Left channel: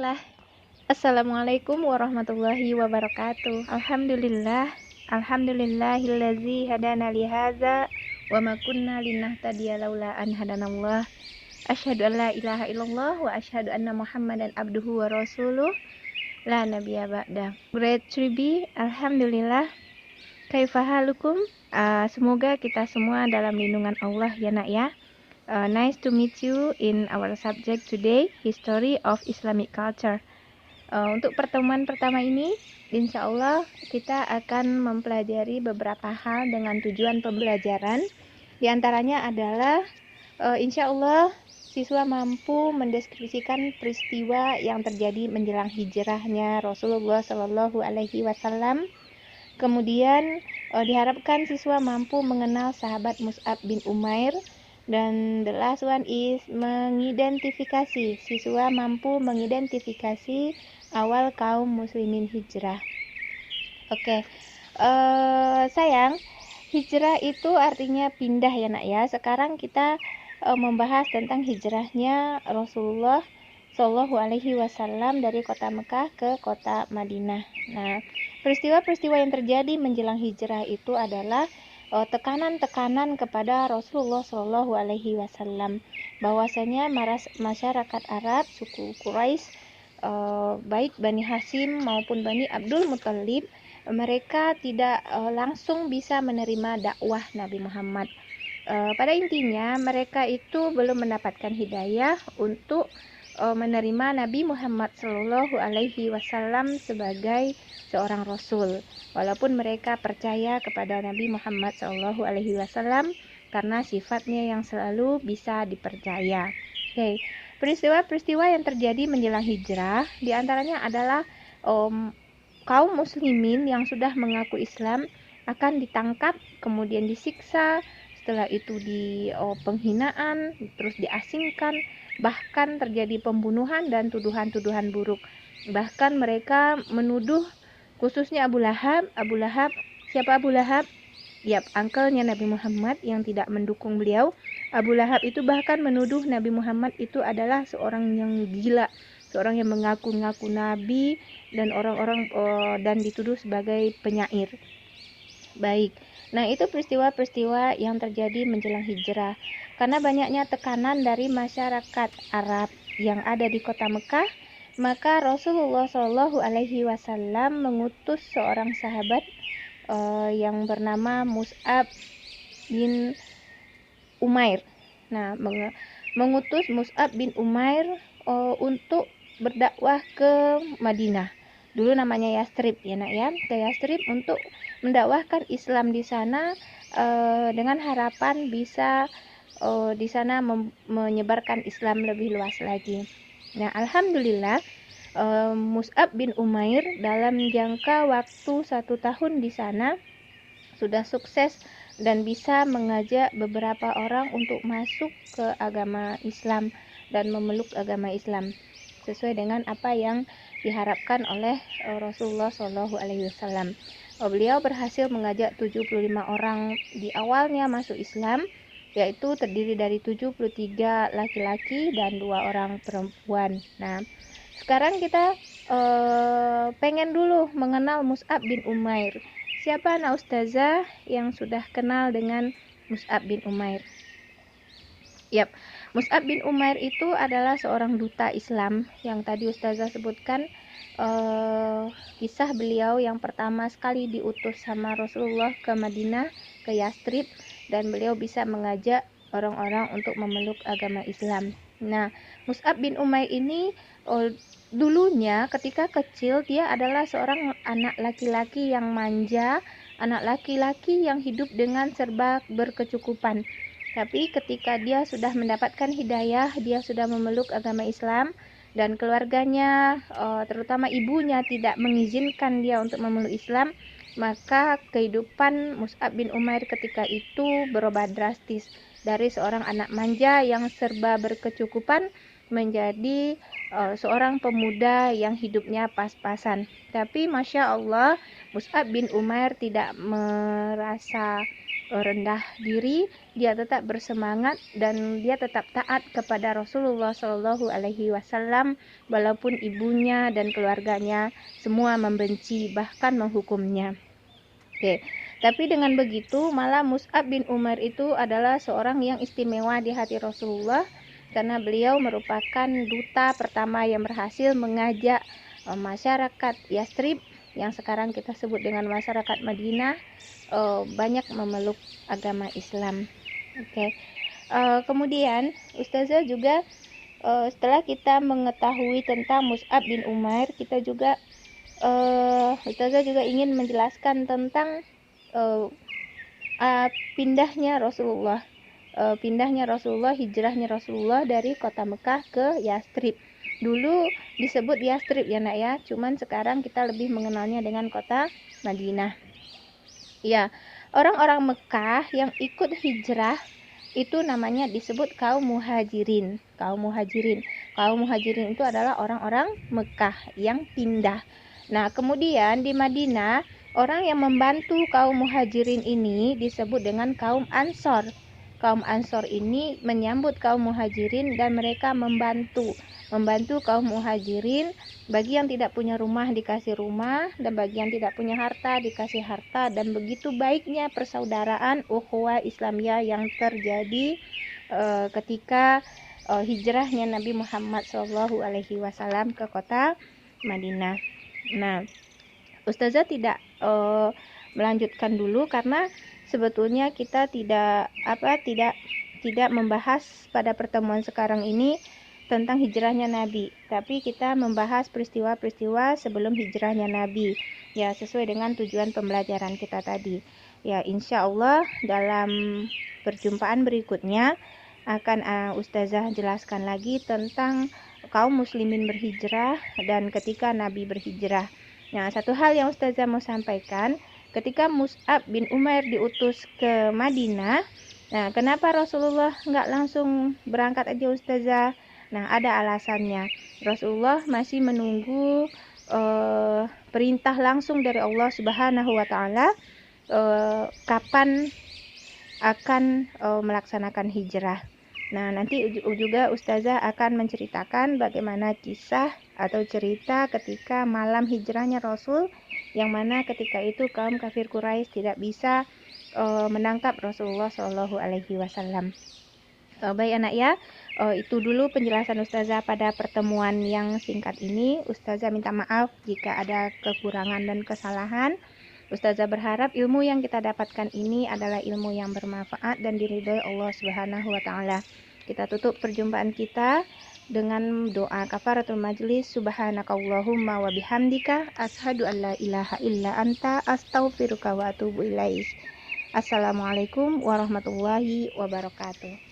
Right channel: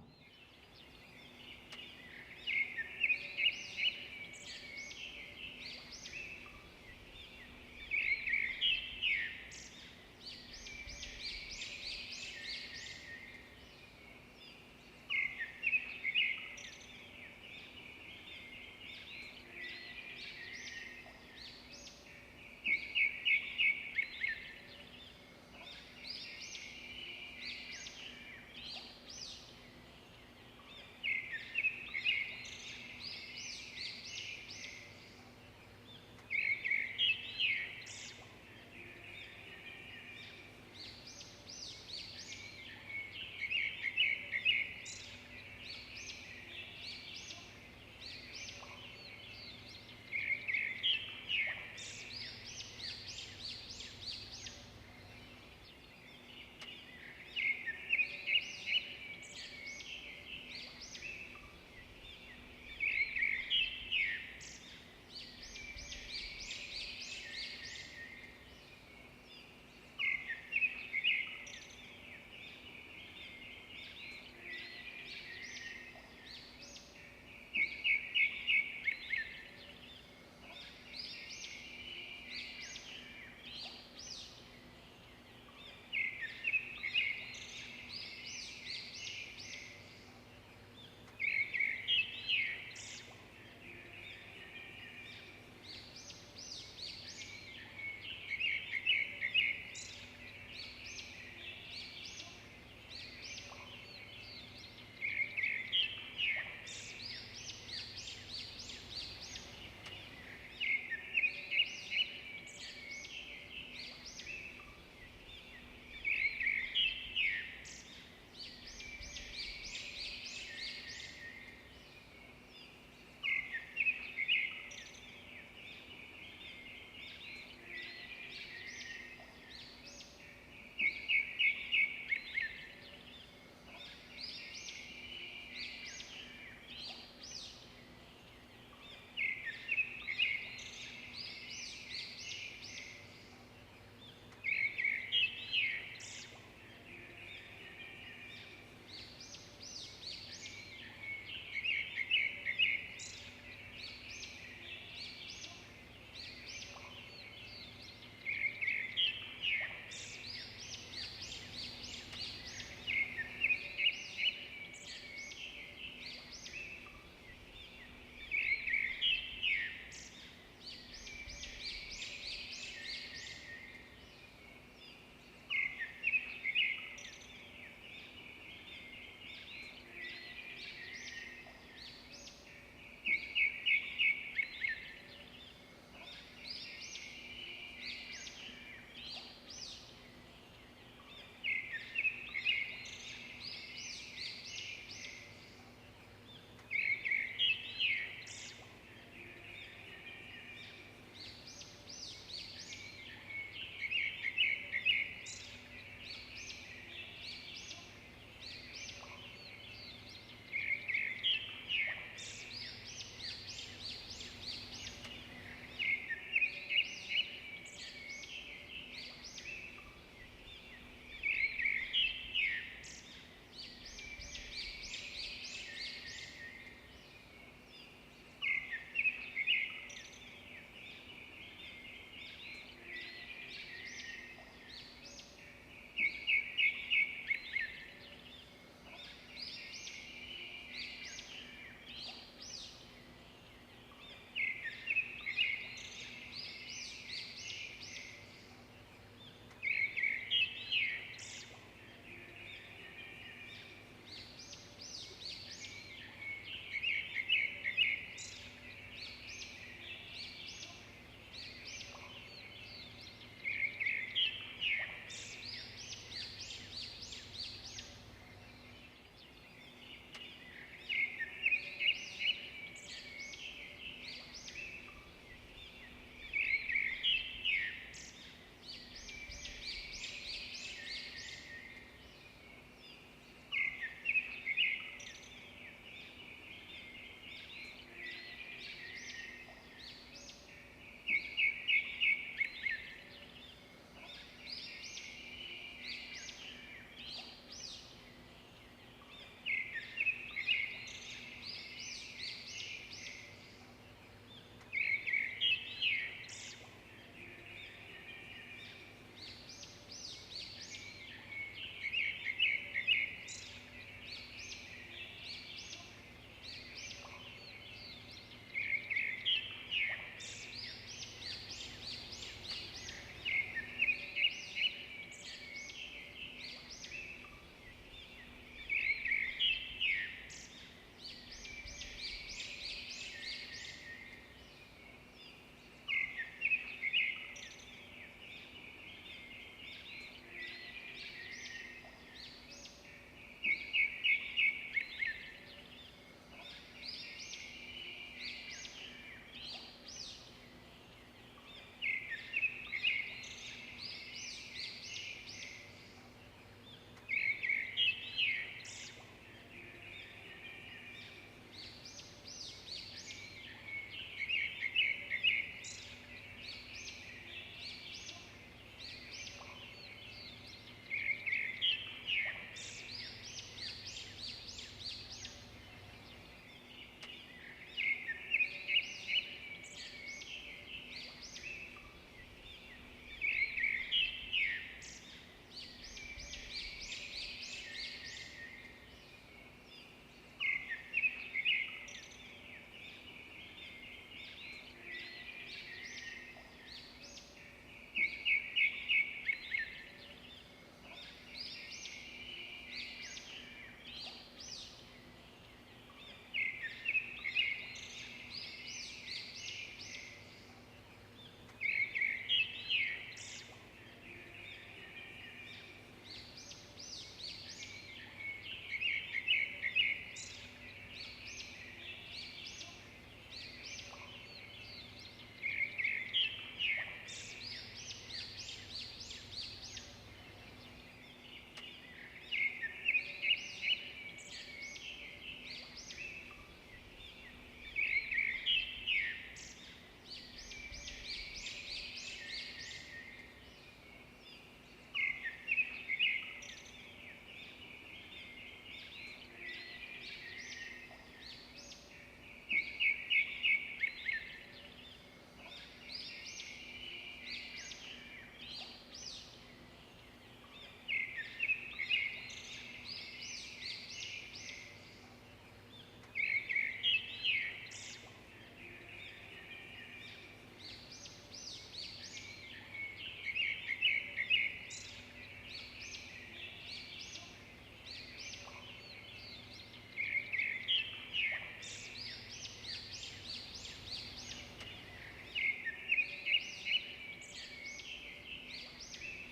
Bismillah. Assalamualaikum warahmatullahi wabarakatuh. Alhamdulillahillazi hadana lihaza wa ma kunna linahtadiya laula an hadanallah. Asyhadu an la ilaha illallah wa asyhadu anna Muhammadan abduhu wa rasuluh la nabiyya ba'da. Grade 3B, alhamdulillah. Kaifahalukum? Semoga kita semua dalam lindungan Allah ya nak ya. Nice to meet you in our subject today, History of Islamic Culture. Untuk pertemuan pertama ini, insya Allah kita akan mempelajari beberapa hal dengan tujuan pembelajaran. Di antaranya adalah insya Allah siswa mampu mendeskripsikan peristiwa yang terjadi menjelang hijrahnya Rasulullah Shallallahu Alaihi Wasallam. Kemudian diharapkan siswa mampu mengenal sahabat Mus'ab bin Umair. Dan the last one is mengidentifikasi. Siswa mampu mengidentifikasi awal kaum muslimin hijrah. Oke, sayang, hijrah itu artinya pindah ya nak ya. Sekarang kita membahas tentang hijrahnya Rasulullah Shallallahu Alaihi Wasallam dari kota Mekah ke kota Madinah. Nah, peristiwa-peristiwa yang terjadi menjelang hijrah itu adalah tekanan-tekanan kepada Rasulullah Shallallahu Alaihi Wasallam, bahwasanya masyarakat Arab suku Quraisy, baik Bani Hashim maupun Bani Abdul Muthalib, mereka tidak langsung bisa menerima dakwah Nabi Muhammad. Pada intinya mereka itu belum mendapatkan hidayah untuk menerima Nabi Muhammad Shallallahu Alaihi Wasallam sebagai seorang Rasul, walaupun mereka percaya kepada Nabi Muhammad Shallallahu Alaihi Wasallam karena sifatnya yang selalu bisa dipercaya. Oke, peristiwa-peristiwa yang terjadi menjelang hijrah diantaranya adalah kaum muslimin yang sudah mengaku Islam akan ditangkap, kemudian disiksa, setelah itu di penghinaan, terus diasingkan, bahkan terjadi pembunuhan dan tuduhan-tuduhan buruk. Bahkan mereka menuduh, khususnya Abu Lahab. Siapa Abu Lahab? Yap, uncle-nya Nabi Muhammad yang tidak mendukung beliau. Abu Lahab itu bahkan menuduh Nabi Muhammad itu adalah seorang yang gila, seorang yang mengaku-ngaku nabi, dan orang-orang dan dituduh sebagai penyair. Baik, nah itu peristiwa-peristiwa yang terjadi menjelang hijrah. Karena banyaknya tekanan dari masyarakat Arab yang ada di kota Mekah, maka Rasulullah Shallallahu Alaihi Wasallam mengutus seorang sahabat yang bernama Mus'ab bin Umair. Nah, mengutus Mus'ab bin Umair untuk berdakwah ke Madinah. Dulu namanya Yastrib ya nak ya, ke Yastrib untuk mendakwahkan Islam di sana dengan harapan bisa di sana menyebarkan Islam lebih luas lagi. Nah, alhamdulillah Mus'ab bin Umair dalam jangka waktu 1 tahun di sana sudah sukses dan bisa mengajak beberapa orang untuk masuk ke agama Islam dan memeluk agama Islam sesuai dengan apa yang diharapkan oleh Rasulullah Shallallahu Alaihi Wasallam. Beliau berhasil mengajak 75 orang di awalnya masuk Islam, yaitu terdiri dari 73 laki-laki dan 2 orang perempuan. Nah, sekarang kita pengen dulu mengenal Mus'ab bin Umair. Siapa anak ustazah yang sudah kenal dengan Mus'ab bin Umair? Yap, Mus'ab bin Umair itu adalah seorang duta Islam yang tadi ustazah sebutkan. Kisah beliau yang pertama sekali diutus sama Rasulullah ke Madinah, ke Yastrib, dan beliau bisa mengajak orang-orang untuk memeluk agama Islam. Nah, Mus'ab bin Umair ini dulunya ketika kecil dia adalah seorang anak laki-laki yang manja, anak laki-laki yang hidup dengan serba berkecukupan. Tapi ketika dia sudah mendapatkan hidayah, dia sudah memeluk agama Islam, dan keluarganya, terutama ibunya, tidak mengizinkan dia untuk memeluk Islam, maka kehidupan Mus'ab bin Umair ketika itu berubah drastis dari seorang anak manja yang serba berkecukupan menjadi seorang pemuda yang hidupnya pas-pasan. Tapi Masya Allah, Mus'ab bin Umair tidak merasa rendah diri. dia tetap bersemangat dan dia tetap taat kepada Rasulullah Shallallahu Alaihi Wasallam walaupun ibunya dan keluarganya semua membenci bahkan menghukumnya. Oke, tapi dengan begitu malah Mus'ab bin Umair itu adalah seorang yang istimewa di hati Rasulullah karena beliau merupakan duta pertama yang berhasil mengajak masyarakat Yastrib yang sekarang kita sebut dengan masyarakat Madinah banyak memeluk agama Islam. Oke. Kemudian Ustazah juga setelah kita mengetahui tentang Mus'ab bin Umair, kita juga Ustazah juga ingin menjelaskan tentang pindahnya Rasulullah, hijrahnya Rasulullah dari kota Mekah ke Yastrib. Dulu disebut Yastrib ya nak ya, cuman sekarang kita lebih mengenalnya dengan kota Madinah. Ya, orang-orang Mekah yang ikut hijrah itu namanya disebut kaum muhajirin. Kaum muhajirin itu adalah orang-orang Mekah yang pindah. Nah, kemudian di Madinah, orang yang membantu kaum muhajirin ini disebut dengan kaum Ansor. Kaum Ansor ini menyambut kaum muhajirin dan mereka membantu kaum muhajirin. Bagi yang tidak punya rumah dikasih rumah, dan bagi yang tidak punya harta dikasih harta, dan begitu baiknya persaudaraan ukhuwah Islamiyah yang terjadi ketika hijrahnya Nabi Muhammad SAW ke kota Madinah. Nah, Ustazah tidak melanjutkan dulu karena sebetulnya kita tidak membahas pada pertemuan sekarang ini tentang hijrahnya Nabi, tapi kita membahas peristiwa-peristiwa sebelum hijrahnya Nabi, ya sesuai dengan tujuan pembelajaran kita tadi. Ya, insya Allah dalam perjumpaan berikutnya akan Ustazah jelaskan lagi tentang kaum muslimin berhijrah dan ketika Nabi berhijrah. Nah, satu hal yang Ustazah mau sampaikan, ketika Mus'ab bin Umair diutus ke Madinah, nah kenapa Rasulullah nggak langsung berangkat aja Ustazah? Nah, ada alasannya. Rasulullah masih menunggu perintah langsung dari Allah Subhanahu wa Ta'ala kapan akan melaksanakan hijrah. Nah, nanti juga Ustazah akan menceritakan bagaimana kisah atau cerita ketika malam hijrahnya Rasul, yang mana ketika itu kaum kafir Quraisy tidak bisa menangkap Rasulullah Shallallahu Alaihi Wasallam. Baik anak ya, itu dulu penjelasan Ustazah pada pertemuan yang singkat ini. Ustazah minta maaf jika ada kekurangan dan kesalahan. Ustazah berharap ilmu yang kita dapatkan ini adalah ilmu yang bermanfaat dan diridhoi Allah Subhanahu wa Ta'ala. Kita tutup perjumpaan kita dengan doa kafaratul majlis. Subhanakallahumma wa bihamdika asyhadu an la ilaha illa anta astaghfiruka wa atubu ilaik. Assalamualaikum warahmatullahi wabarakatuh.